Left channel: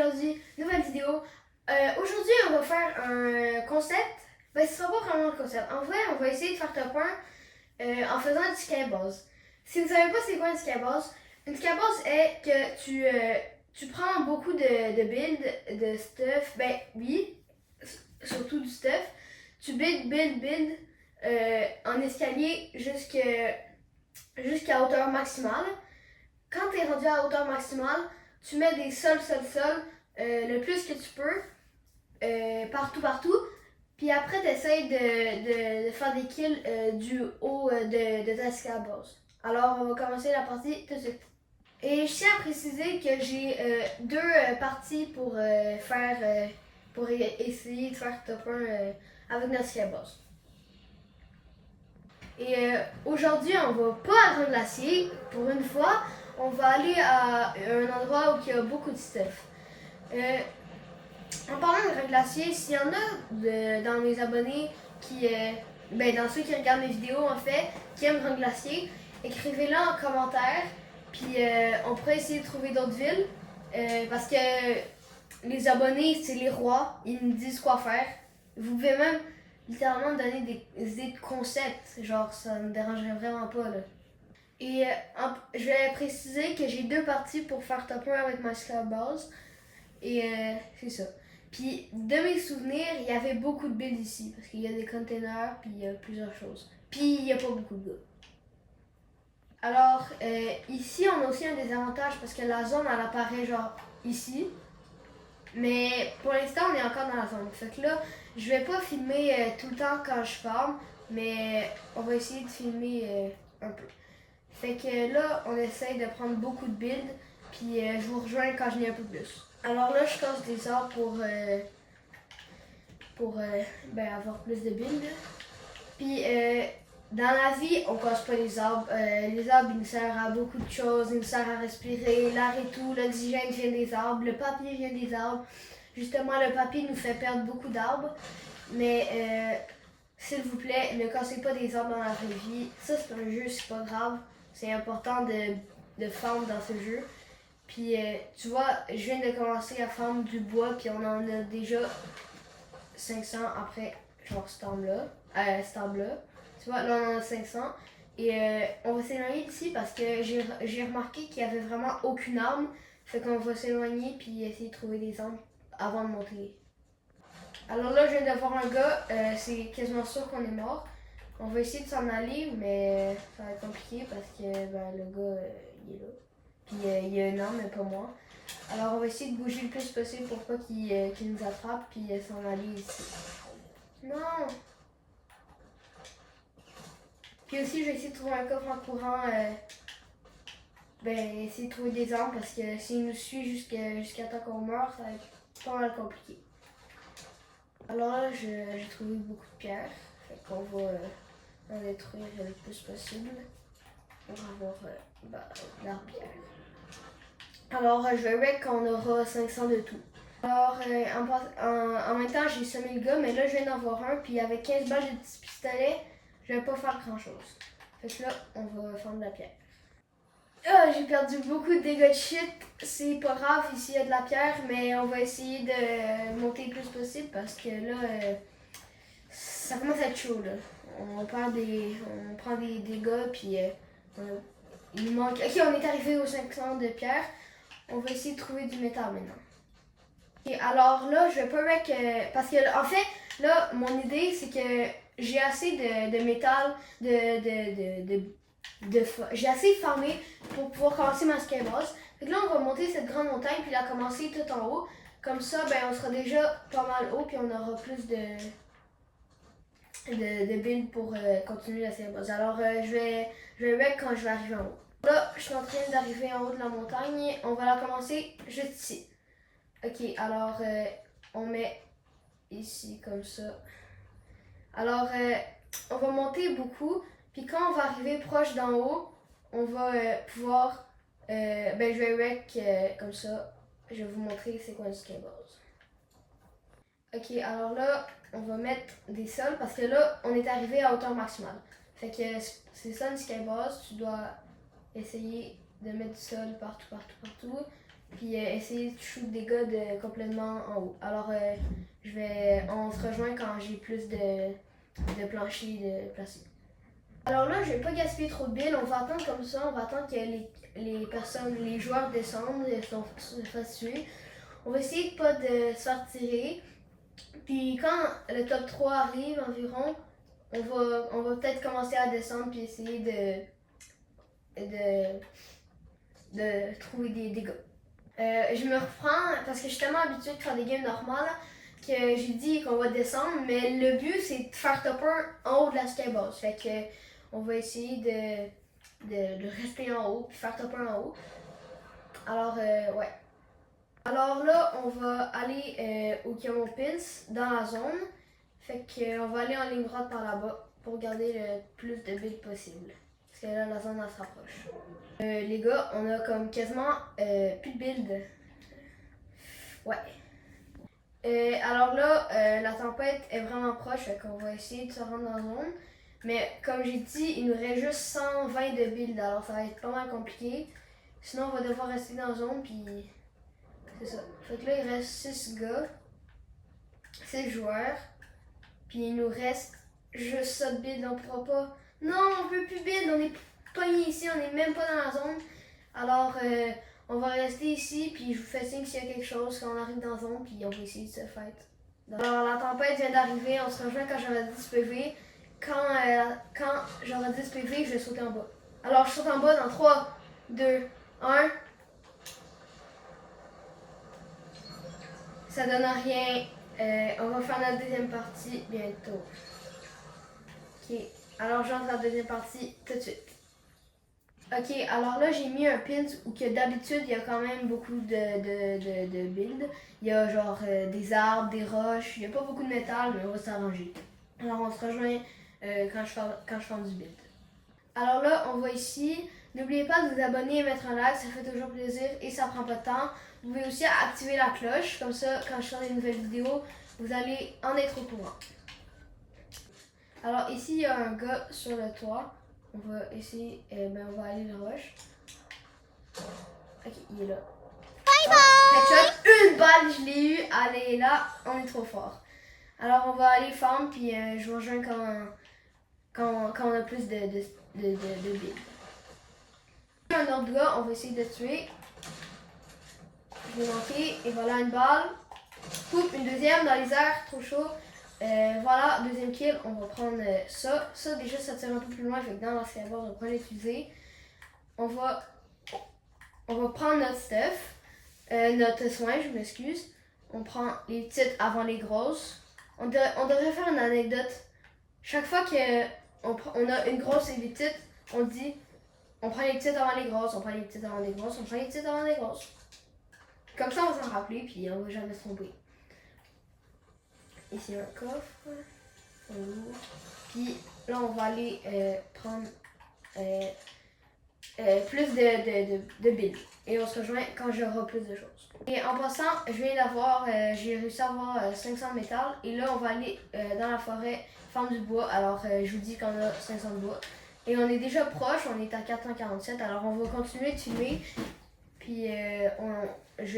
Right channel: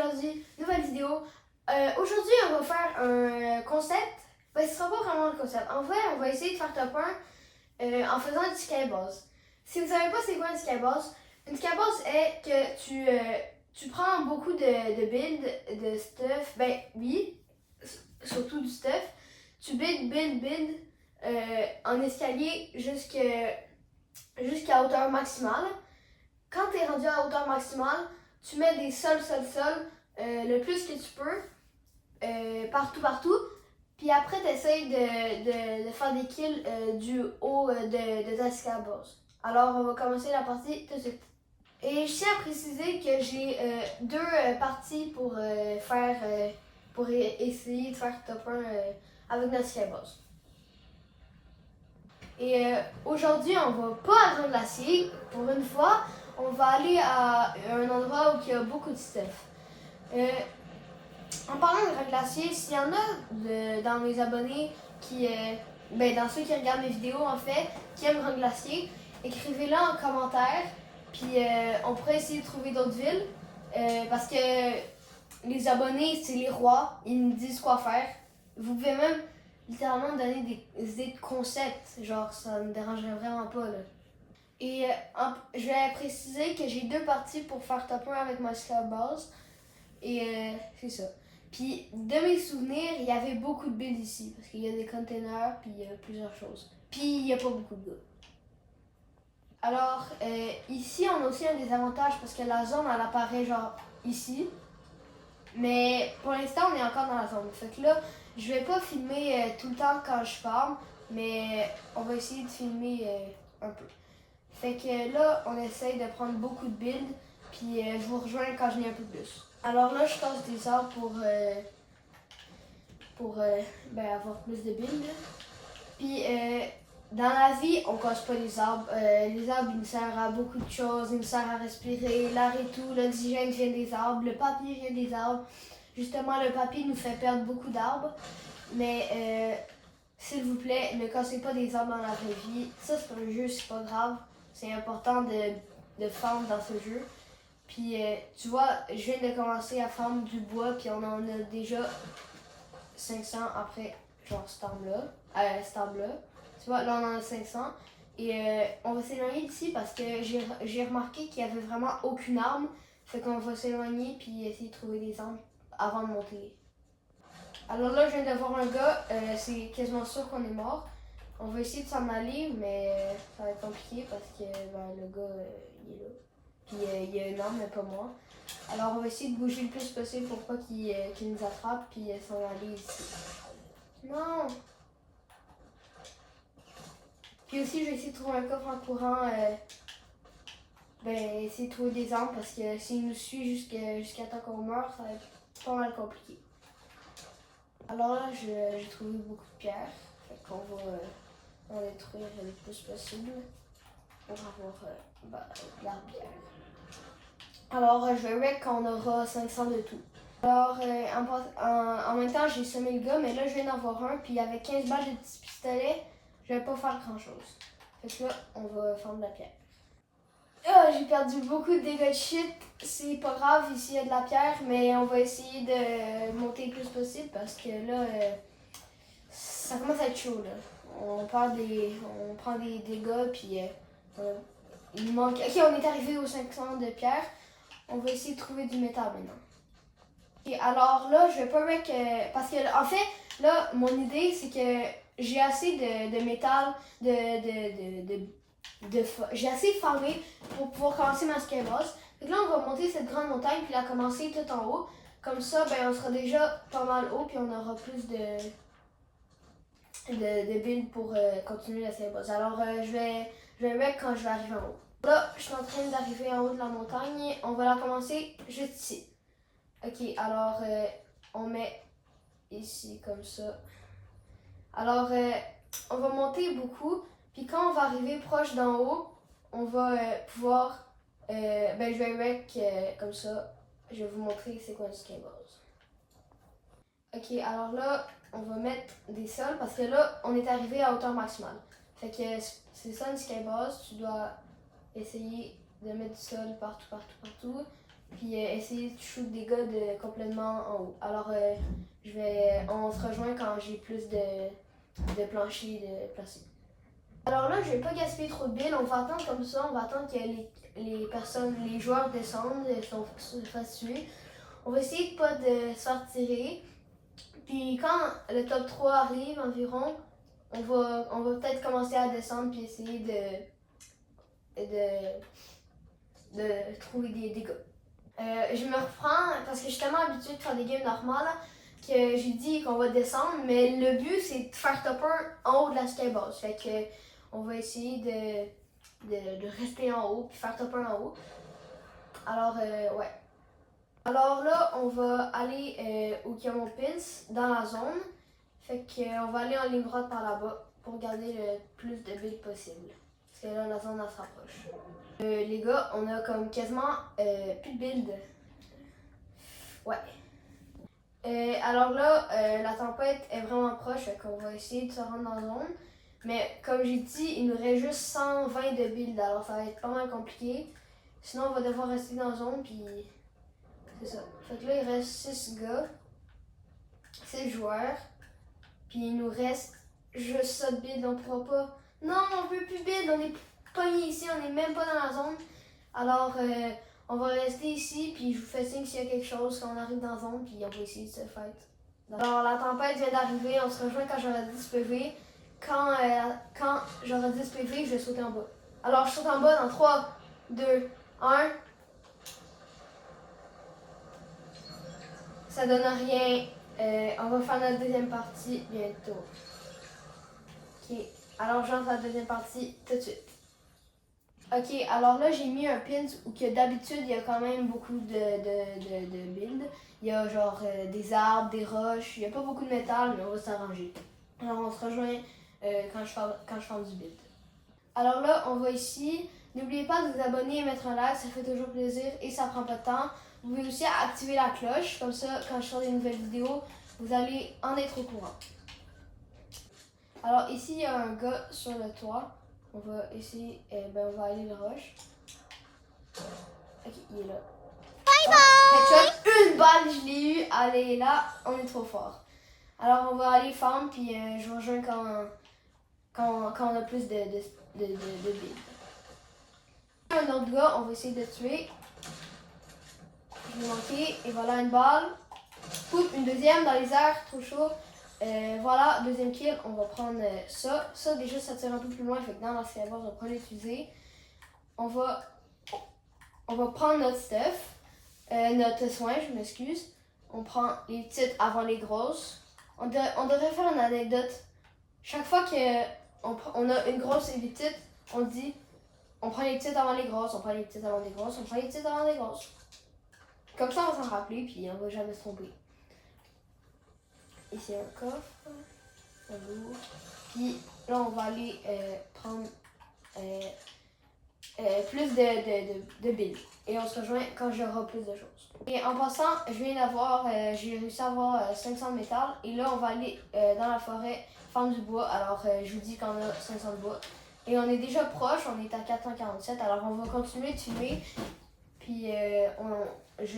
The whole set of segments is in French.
aujourd'hui, nouvelle vidéo. Aujourd'hui, on va faire un concept. Ben, ce sera pas vraiment un concept. En vrai, on va essayer de faire top 1 en faisant du skybase. Si vous savez pas c'est quoi une skybase, une skybase est que tu prends beaucoup de builds, de stuff. Ben oui, surtout du stuff. Tu build en escalier jusqu'à hauteur maximale. Quand tu es rendu à hauteur maximale, tu mets des sols, le plus que tu peux, partout. Puis après, tu essaies de faire des kills du haut de ta skybase. Alors, on va commencer la partie tout de suite. Et je tiens à préciser que j'ai deux parties pour essayer de faire top 1 avec notre skybase. Et aujourd'hui, on va pas à Glacier. Pour une fois, on va aller à un endroit où il y a beaucoup de stuff. En parlant de Glacier, s'il y en a dans mes abonnés dans ceux qui regardent mes vidéos en fait, qui aiment Grand Glacier, écrivez-le en commentaire. Puis on pourrait essayer de trouver d'autres villes. Parce que les abonnés, c'est les rois. Ils nous disent quoi faire. Vous pouvez même littéralement donner des idées de concepts. Genre, ça me dérangerait vraiment pas, là. Et je vais préciser que j'ai deux parties pour faire top 1 avec ma skybase. Et c'est ça. Puis, de mes souvenirs, il y avait beaucoup de builds ici. Parce qu'il y a des containers, puis il y a plusieurs choses. Puis, il n'y a pas beaucoup de gars. Alors, ici, on a aussi un désavantage parce que la zone, elle apparaît genre ici. Mais pour l'instant, on est encore dans la zone. Fait que là, je vais pas filmer tout le temps quand je parle, mais on va essayer de filmer un peu. Fait que là, on essaye de prendre beaucoup de builds, puis je vous rejoins quand je n'ai un peu plus. Alors là, je casse des arbres pour avoir plus de builds. Puis dans la vie, on casse pas les arbres. Les arbres, ils nous servent à beaucoup de choses. Ils nous servent à respirer, l'air et tout. L'oxygène vient des arbres, le papier vient des arbres. Justement, le papier nous fait perdre beaucoup d'arbres. Mais s'il vous plaît, ne cassez pas des arbres dans la vraie vie. Ça, c'est un jeu, c'est pas grave. C'est important de farm dans ce jeu. Puis tu vois, je viens de commencer à farm du bois, puis on en a déjà 500 après, genre cet arbre-là. Tu vois, là on en a 500. Et on va s'éloigner d'ici parce que j'ai remarqué qu'il n'y avait vraiment aucune arme. Fait qu'on va s'éloigner puis essayer de trouver des armes avant de monter. Alors là, je viens de voir un gars, c'est quasiment sûr qu'on est mort. On va essayer de s'en aller, mais ça va être compliqué parce que le gars, il est là. Puis il y a une arme, mais pas moi. Alors on va essayer de bouger le plus possible pour pas qu'il nous attrape, puis s'en aller ici. Non! Puis aussi, je vais essayer de trouver un coffre en courant. Essayer de trouver des armes parce que s'il nous suit jusqu'à temps qu'on meurt, ça va être pas mal compliqué. Alors là, j'ai trouvé beaucoup de pierres. Fait qu'on va en détruire le plus possible pour avoir de la pierre. Alors, je verrai qu'on aura 500 de tout. Alors, en même temps, j'ai semé le gars, mais là, je viens d'en voir un, puis avec 15 balles de petits pistolets, je vais pas faire grand-chose. Fait que là, on va faire de la pierre. Ah, j'ai perdu beaucoup de dégâts de shit. C'est pas grave, ici, il y a de la pierre, mais on va essayer de monter le plus possible parce que là, ça commence à être chaud, là. On prend des dégâts, puis il nous manque... Ok, on est arrivé aux 500 de pierre. On va essayer de trouver du métal maintenant. Okay, alors là, je vais pas parce que en fait, là, mon idée, c'est que j'ai assez de métal, j'ai assez farmé pour pouvoir commencer ma skybase. Donc là, on va monter cette grande montagne, puis la commencer tout en haut. Comme ça, on sera déjà pas mal haut, puis on aura plus de builds pour continuer la skybase. Alors, je vais quand je vais arriver en haut. Là, je suis en train d'arriver en haut de la montagne. On va la commencer juste ici. Ok, alors on met ici comme ça. Alors, on va monter beaucoup. Puis quand on va arriver proche d'en haut, on va pouvoir... je vais wreck comme ça. Je vais vous montrer c'est quoi une skybase. Ok, alors là, on va mettre des sols parce que là, on est arrivé à hauteur maximale. Fait que c'est ça une skybase. Tu dois essayer de mettre du sol partout. puis essayer de shoot des gars complètement en haut. Alors on se rejoint quand j'ai plus de planchers de placer. Alors là, je vais pas gaspiller trop de billes, on va attendre comme ça, on va attendre que les joueurs descendent, se fassent tuer. On va essayer de pas de se faire tirer. Puis quand le top 3 arrive environ, on va peut-être commencer à descendre puis essayer de trouver des gars. Je me reprends parce que je suis tellement habituée de faire des games normales que j'ai dit qu'on va descendre, mais le but c'est de faire top 1 en haut de la skybox. Fait que on va essayer de rester en haut puis faire top 1 en haut. Alors ouais. Alors là, on va aller au Kiamo Pins dans la zone. Fait qu'on va aller en ligne droite par là-bas pour garder le plus de builds possible. Parce que là, la zone, elle se rapproche. Les gars, on a comme quasiment plus de build. Ouais. Alors là, la tempête est vraiment proche, fait qu'on va essayer de se rendre dans la zone. Mais comme j'ai dit, il nous reste juste 120 de build, alors ça va être pas mal compliqué. Sinon, on va devoir rester dans la zone, puis c'est ça. Fait que là, il reste 6 gars, 6 joueurs. Puis il nous reste juste ça de build, on pourra pas. Non, on peut plus build, on est pogné ici, on est même pas dans la zone. Alors, on va rester ici, puis je vous fais signe s'il y a quelque chose quand on arrive dans la zone, puis on va essayer de se fight. Alors, la tempête vient d'arriver, on se rejoint quand j'aurai 10 PV. Quand j'aurai 10 PV, je vais sauter en bas. Alors, je saute en bas dans 3, 2, 1. Ça donne rien. On va faire notre deuxième partie bientôt. Ok, alors j'entre à la deuxième partie tout de suite. Ok, alors là j'ai mis un pins où que d'habitude il y a quand même beaucoup de builds. Il y a genre des arbres, des roches, il n'y a pas beaucoup de métal, mais on va s'arranger. Alors on se rejoint quand je fais du build. Alors là, on va ici. N'oubliez pas de vous abonner et mettre un like, ça fait toujours plaisir et ça prend pas de temps. Vous pouvez aussi activer la cloche, comme ça, quand je sors des nouvelles vidéos, vous allez en être au courant. Alors ici, il y a un gars sur le toit. On va essayer, on va aller le rush. Ok, il est là. Bye bye! Une balle, je l'ai eu. Allez, là, on est trop fort. Alors on va aller farm, puis je vous rejoins quand on a plus de billes. Un autre gars, on va essayer de tuer. Je l'ai manqué, et voilà une balle. Coupe, une deuxième dans les airs, trop chaud. Voilà, deuxième kill, on va prendre ça. Ça, déjà, ça tire un peu plus loin, fait que dans la skybox, on va prendre les fusées. On va prendre notre stuff, notre soin, je m'excuse. On prend les petites avant les grosses. On devrait faire une anecdote. Chaque fois qu'on a une grosse et des petites, on dit on prend les petites avant les grosses, on prend les petites avant les grosses, on prend les petites avant les grosses. Comme ça, on va s'en rappeler, puis on va jamais se tromper. Ici, un coffre. Puis là, on va aller prendre plus de billes. Et on se rejoint quand j'aurai plus de choses. Et en passant, j'ai réussi à avoir 500 de métal. Et là, on va aller dans la forêt faire du bois. Alors, je vous dis qu'on a 500 de bois. Et on est déjà proche, on est à 447. Alors, on va continuer de tuer. Puis,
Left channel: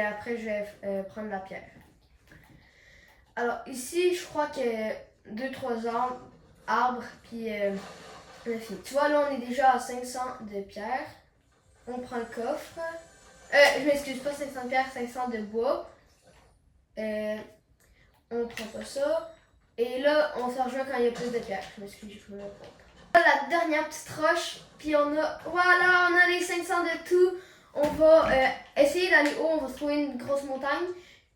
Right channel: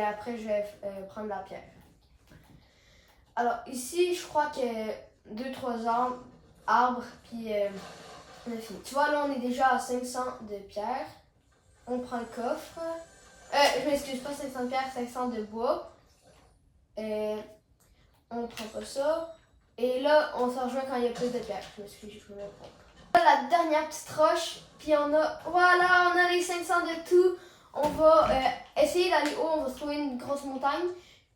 après, je vais prendre la pierre. Alors, ici, je crois que 2-3 arbres, puis on a fini. Tu vois, là, on est déjà à 500 de pierre. On prend le coffre. Je m'excuse, pas 500 de pierre, 500 de bois. On prend pas ça. Et là, on s'en rejoint quand il y a plus de pierre. Je m'excuse, j'ai pris le propre. La dernière petite roche, puis on a les 500 de tout. On va essayer d'aller haut, on va trouver une grosse montagne.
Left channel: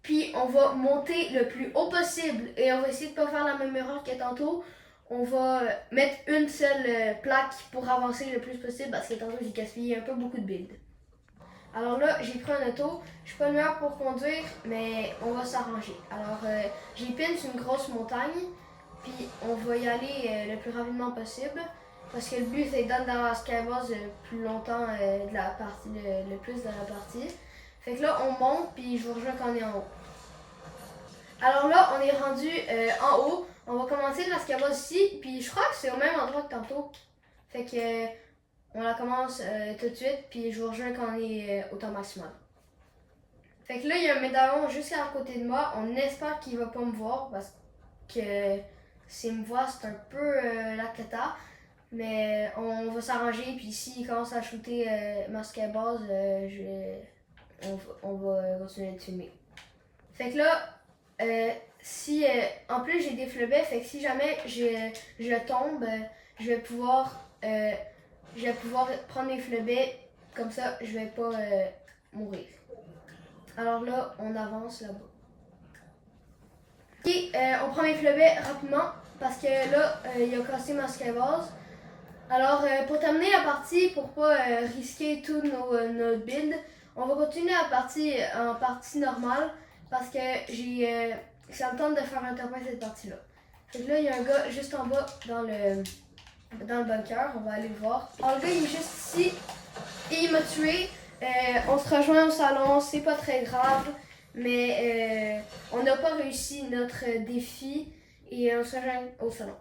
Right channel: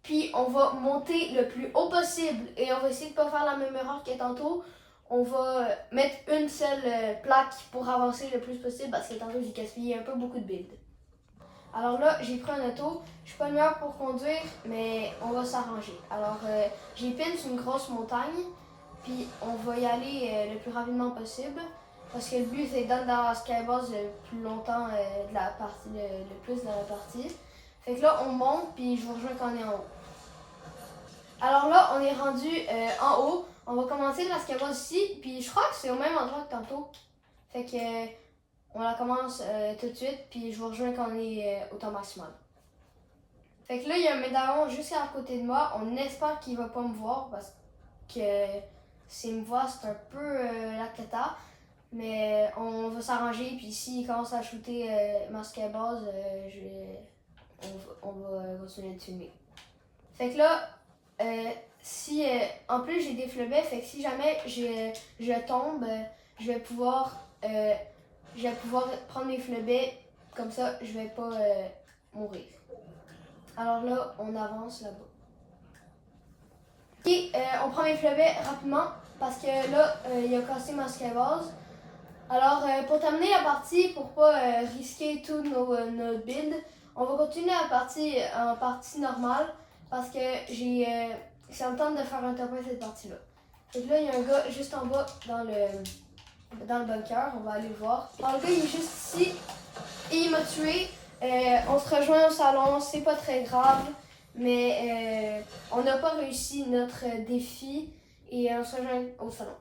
Puis on va monter le plus haut possible et on va essayer de ne pas faire la même erreur que tantôt. On va mettre une seule plaque pour avancer le plus possible parce que tantôt j'ai gaspillé un peu beaucoup de build. Alors là, j'ai pris un auto. Je suis pas le meilleur pour conduire, mais on va s'arranger. Alors j'ai pince une grosse montagne, puis on va y aller le plus rapidement possible parce que le but c'est d'être dans la skybox le plus longtemps de la partie, le plus de la partie. Fait que là, on monte, puis je vous rejoins quand on est en haut. Alors là, on est rendu en haut. On va commencer la skybox ici, puis je crois que c'est au même endroit que tantôt. Fait que on la commence tout de suite, puis je vous rejoins quand on est au temps maximal. Fait que là, il y a un médaillon juste à côté de moi. On espère qu'il va pas me voir parce que s'il me voit, c'est un peu la cata. Mais on va s'arranger. Puis s'il commence à shooter masque à base, on va continuer de filmer. Fait que là, si en plus j'ai des flebets, fait que si jamais je tombe, je vais pouvoir prendre mes flebets, comme ça je vais pas mourir. Alors là, on avance là-bas. Ok, on prend mes flebets rapidement parce que là, il a cassé ma base. Alors, pour terminer la partie, pour pas risquer tout notre build, on va continuer la partie en partie normale parce que ça me tente de faire un top 1 cette partie-là. Donc là, il y a un gars juste en bas dans le bunker, on va aller le voir. Alors le gars, il est juste ici et il m'a tué. On se rejoint au salon, c'est pas très grave, mais on n'a pas réussi notre défi et on se rejoint au salon.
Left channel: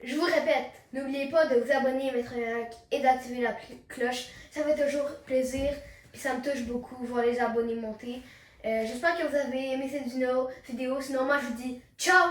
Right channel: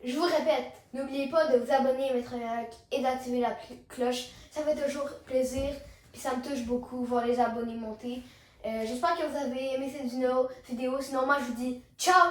Je vous répète, n'oubliez pas de vous abonner, mettre un like et d'activer la cloche. Ça fait toujours plaisir et ça me touche beaucoup voir les abonnés monter. J'espère que vous avez aimé cette vidéo. Sinon, moi je vous dis ciao!